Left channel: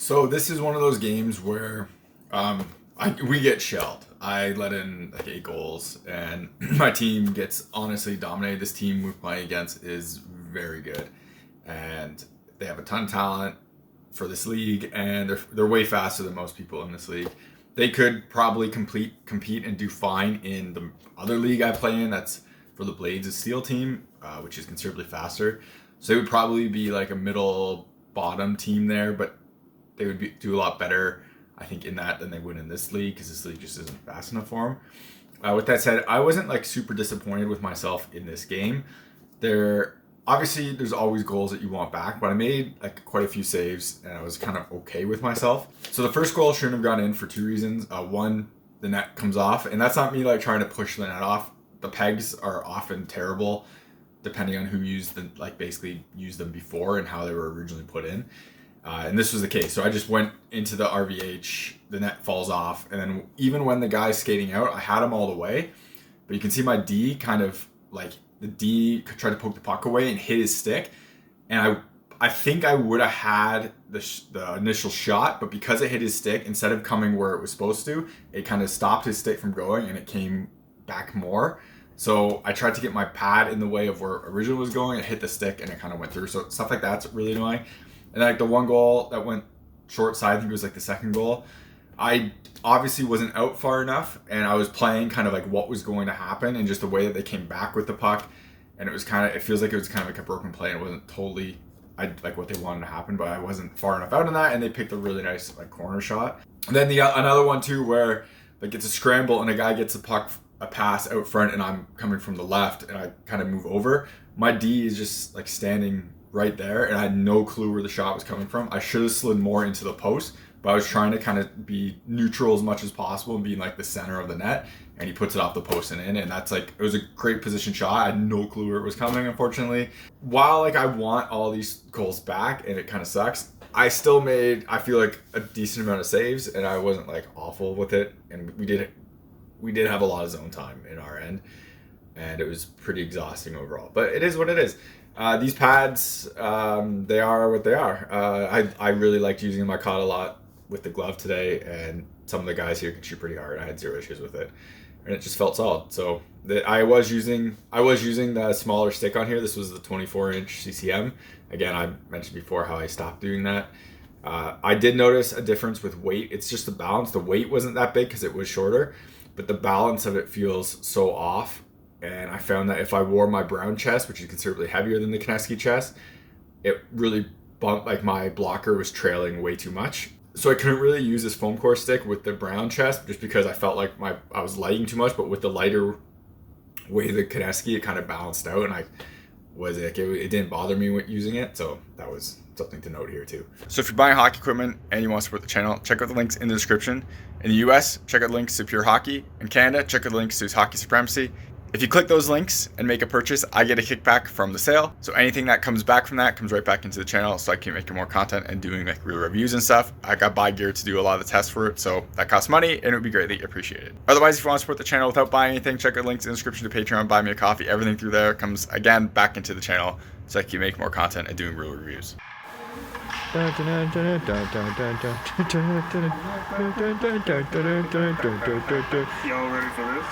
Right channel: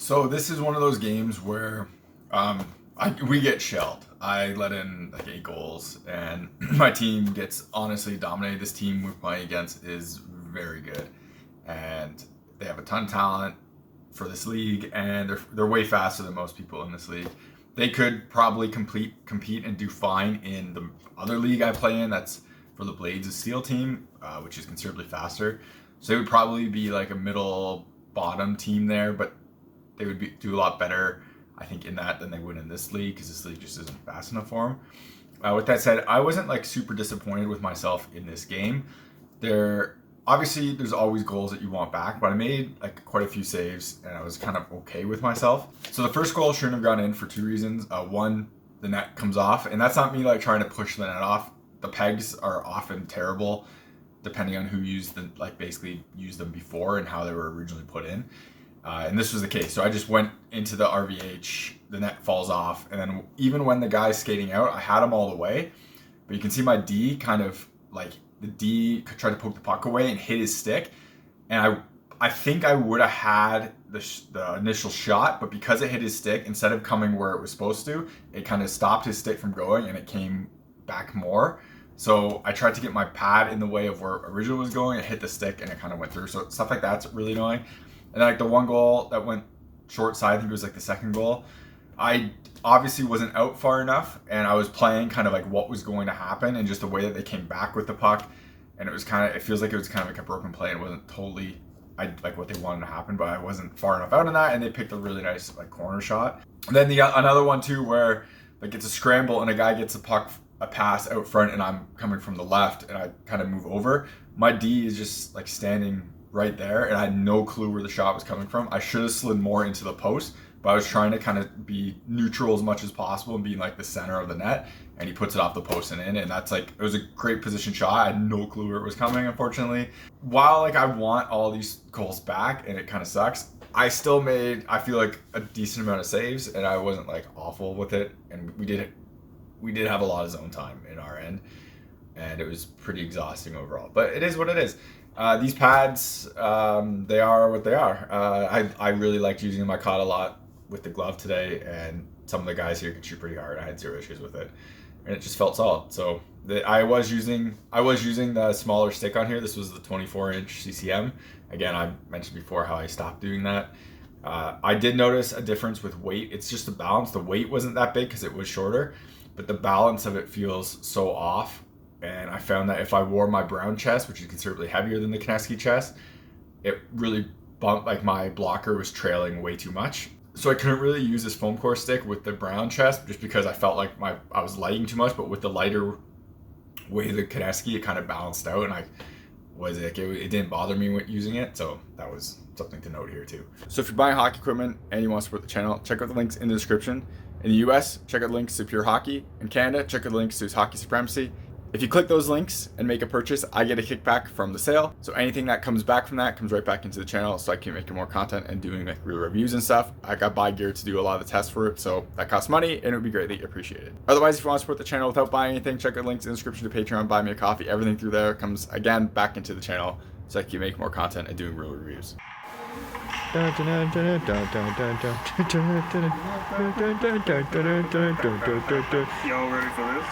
So this is one of those games where we get shelled. I let in like 8 goals, and my team gets honestly dominated. This team we're playing against is very good, and they have a ton of talent for this league, and they're way faster than most people in this league. They could probably compete and do fine in the other league I play in. That's for the Blades of Steel team, which is considerably faster. So they would probably be like a middle bottom team there, but they would do a lot better, I think, in that than they would in this league, because this league just isn't fast enough for them. With that said, I wasn't like super disappointed with myself in this game. Obviously there's always goals that you want back, but I made like quite a few saves and I was kind of okay with myself. So the first goal shouldn't have gone in for 2 reasons. One, the net comes off, and that's not me like trying to push the net off. The pegs are often terrible depending on who basically used them before and how they were originally put in. And this was the case. So I just went into the RVH, the net falls off, and then even when the guy's skating out, I had him all the way, but you can see my D kind of like, the D tried to poke the puck away and hit his stick, and I think I would have had the initial shot, but because it hit his stick, instead of coming where it was supposed to, it kind of stopped his stick from going and it came back more. So I tried to get my pad in the way of where it originally was going, it hit the stick and it kind of went through. So stuff like that's really annoying. And like the one goal that went short side, I think it was like the second goal, I obviously wasn't out far enough, and I was playing kind of like what was going to happen and just the way that they came back with the puck, and it feels like it was kind of like a broken play, and it wasn't totally like what they wanted to happen, but I wasn't far enough out in that, and they picked a really nice like corner shot. And then another one too where like it's a scramble and a guy gets a pass out front and I'm coming from the left and I kind of move over. My D is just like standing right there and I had no clue where the shot was coming from. I should have slid more into the post, but I was trying to kind of be neutral as much as possible and be like the center of the net, and he puts it off the post and in, and that's like, it was a great position shot. I had no clue where it was coming, unfortunately. While like I want all these goals back and it kind of sucks, I still made, I feel like, a decent amount of saves, and I wasn't like awful with it, and we did have a lot of zone time in our end, and it was pretty exhausting overall, but it is what it is. These pads, they are what they are. I really liked using them. I caught a lot with the glove today, and some of the guys here can shoot pretty hard. I had 0 issues with it, and it just felt solid. So I was using the smaller stick on here. This was the 24-inch CCM. Again, I mentioned before how I stopped doing that. I did notice a difference with weight. It's just the balance. The weight wasn't that big because it was shorter, but the balance of it feels so off. And I found that if I wore my brown chest, which is considerably heavier than the Kenesky chest, it really bumped, like my blocker was trailing way too much. So I couldn't really use this foam core stick with the brown chest just because I felt like I was lighting too much, but with the lighter weight of the Kenesky, it kind of balanced out, and it didn't bother me with using it. So that was something to note here too. So if you're buying hockey equipment and you want to support the channel, check out the links in the description. In the US, check out the links to Pure Hockey. In Canada, check out the links to Hockey Supremacy. If you click those links and make a purchase, I get a kickback from the sale. So anything that comes back from that comes right back into the channel, so I can make more content and doing like real reviews and stuff. I got buy gear to do a lot of the tests for it, so that costs money and it would be greatly appreciated. Otherwise, if you want to support the channel without buying anything, check out links in the description to Patreon, buy me a coffee. Everything through there comes again back into the channel, so I can make more content and doing real reviews. Y'all ready for this?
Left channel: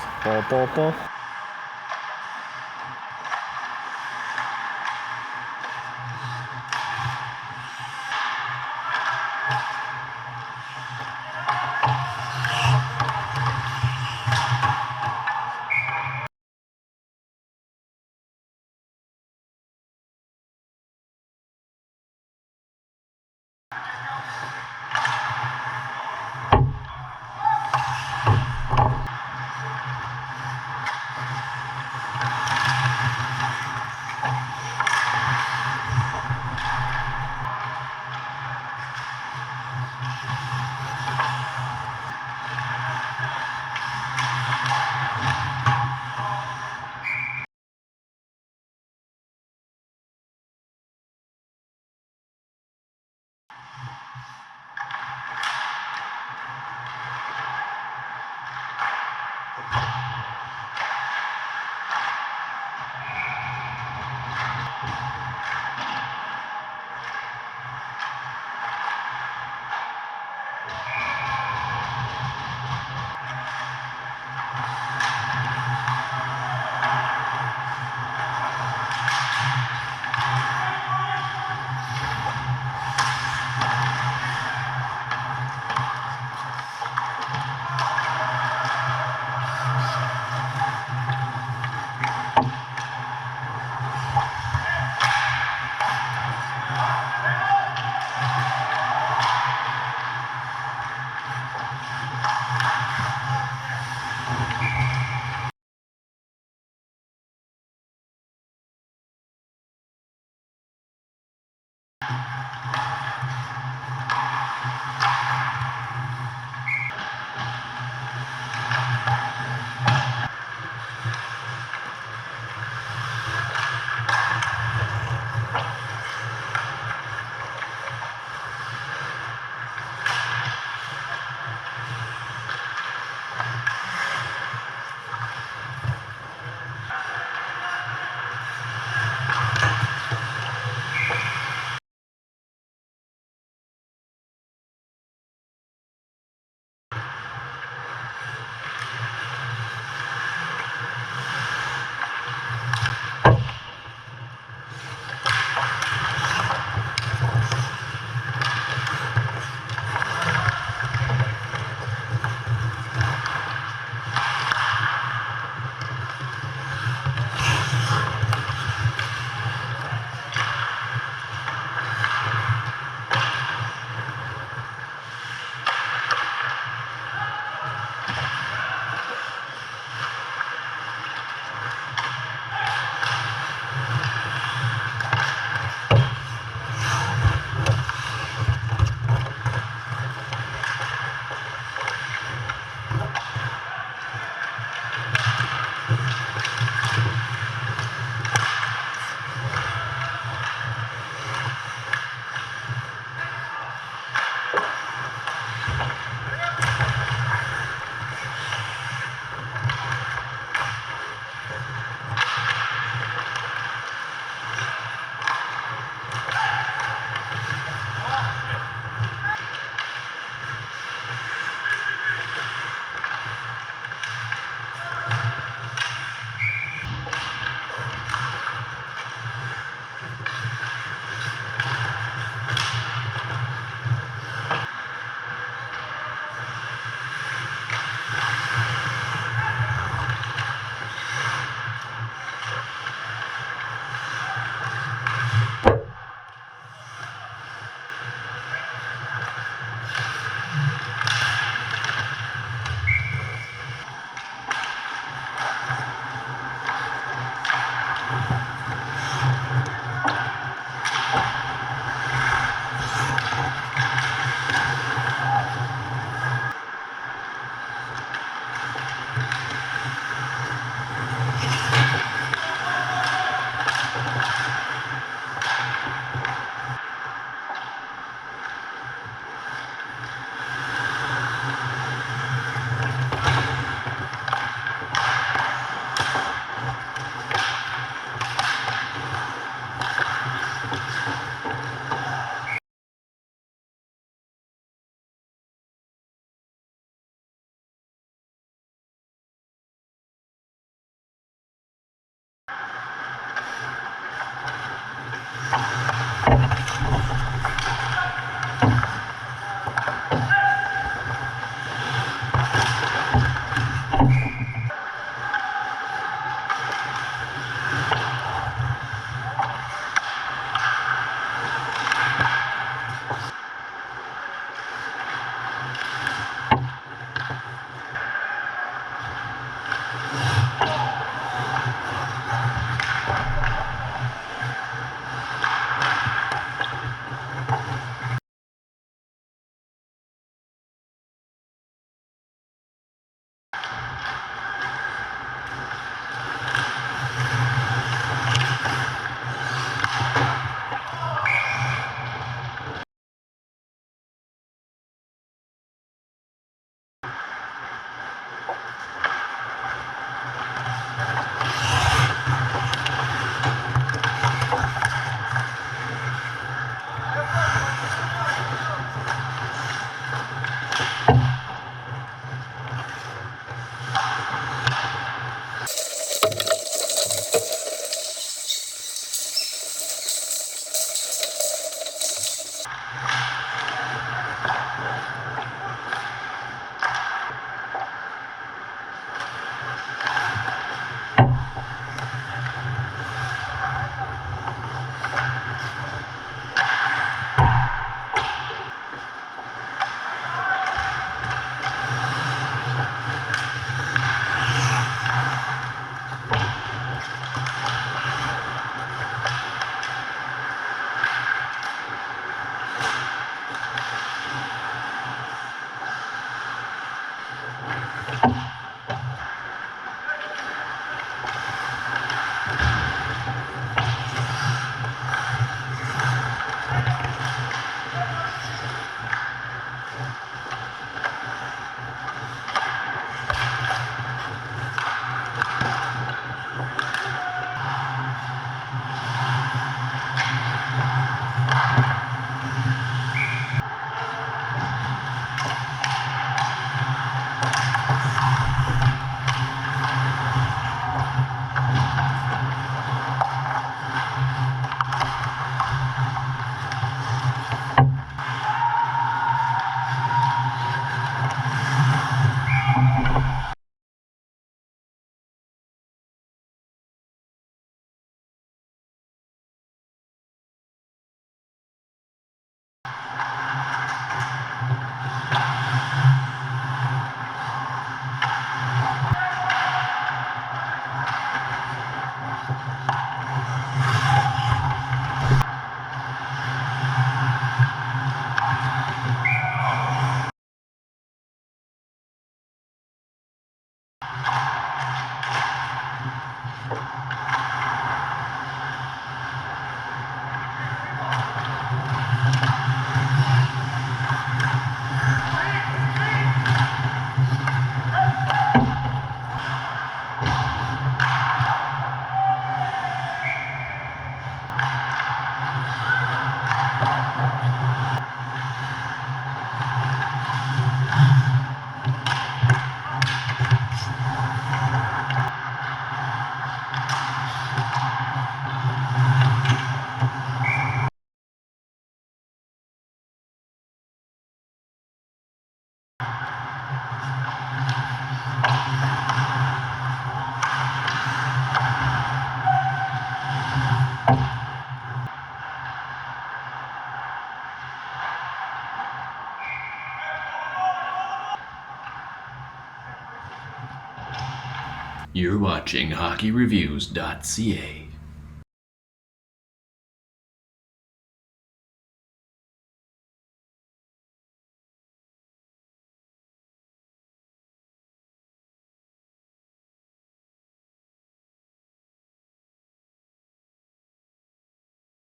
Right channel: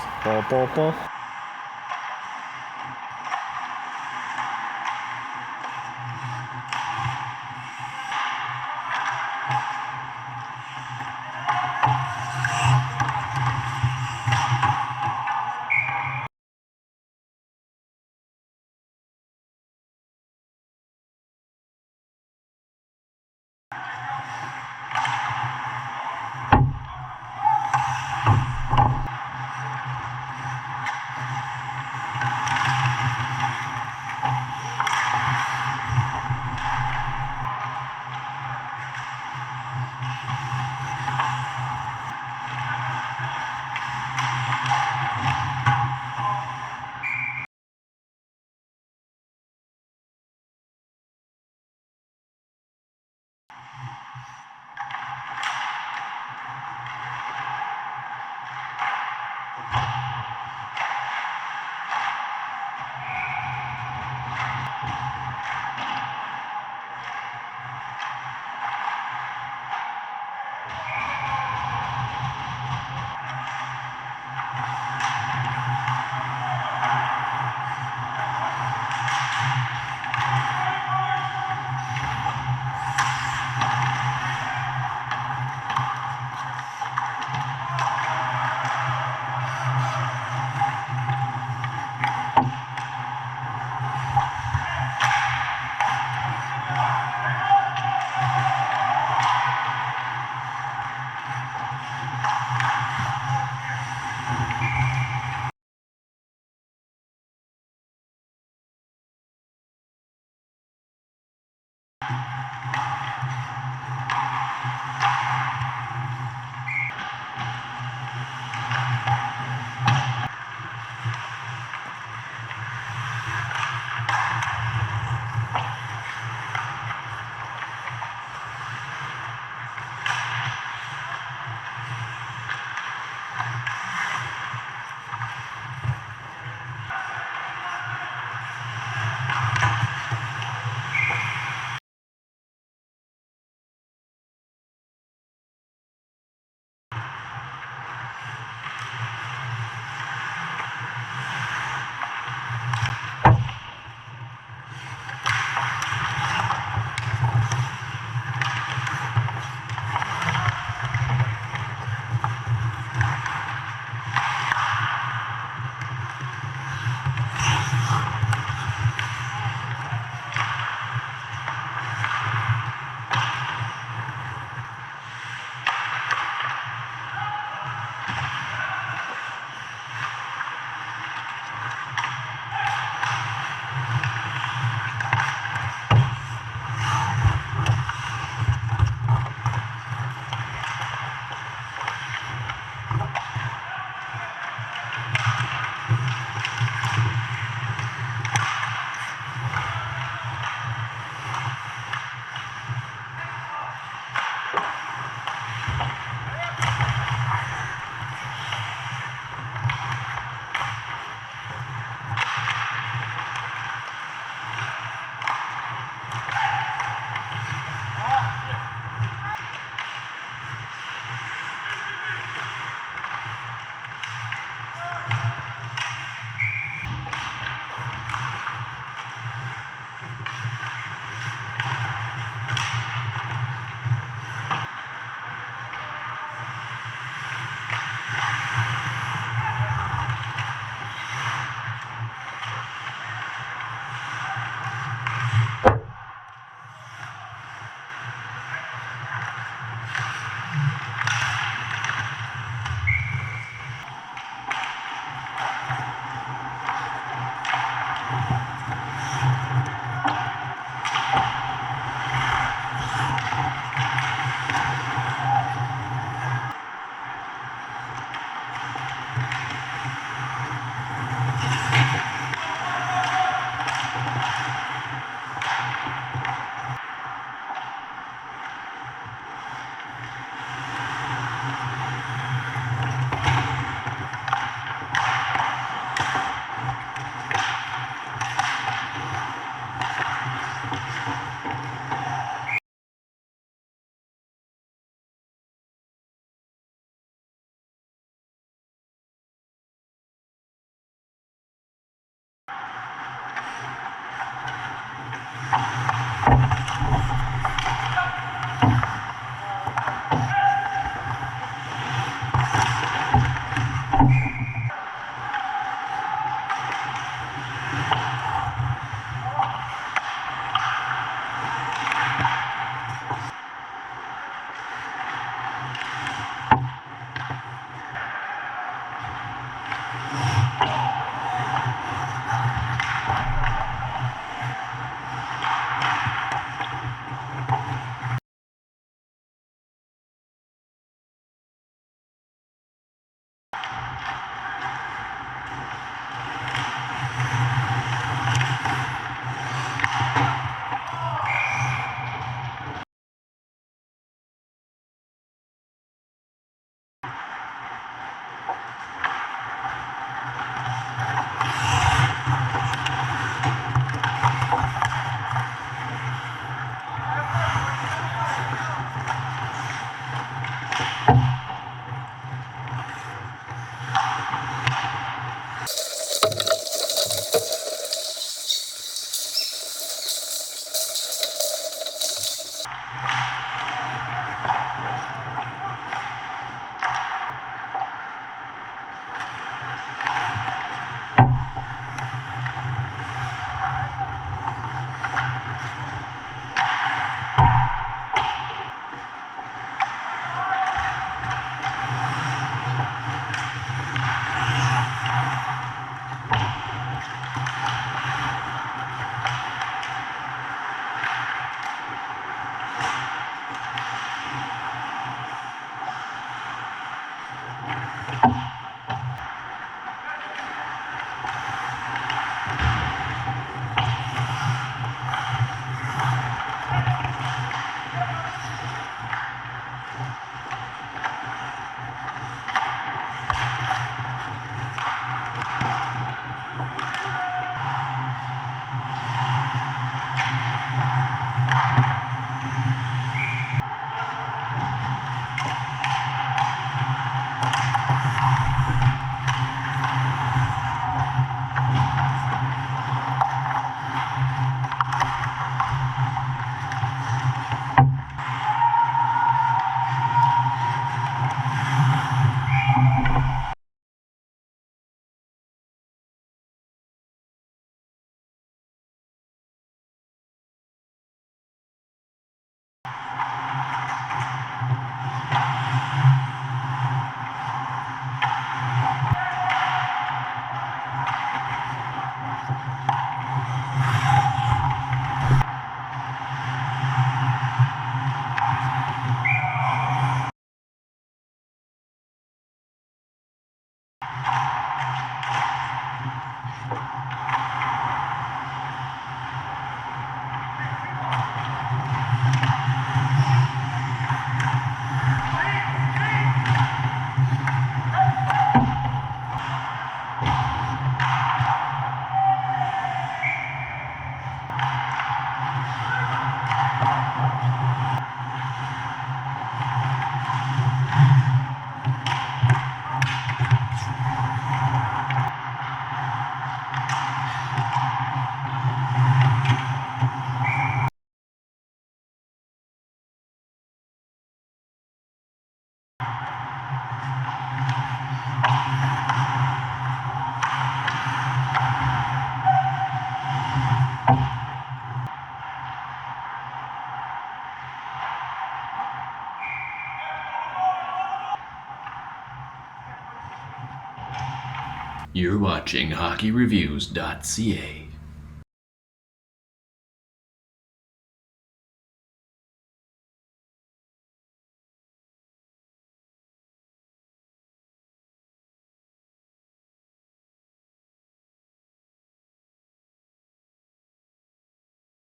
You're watching HockeyReviews.ca.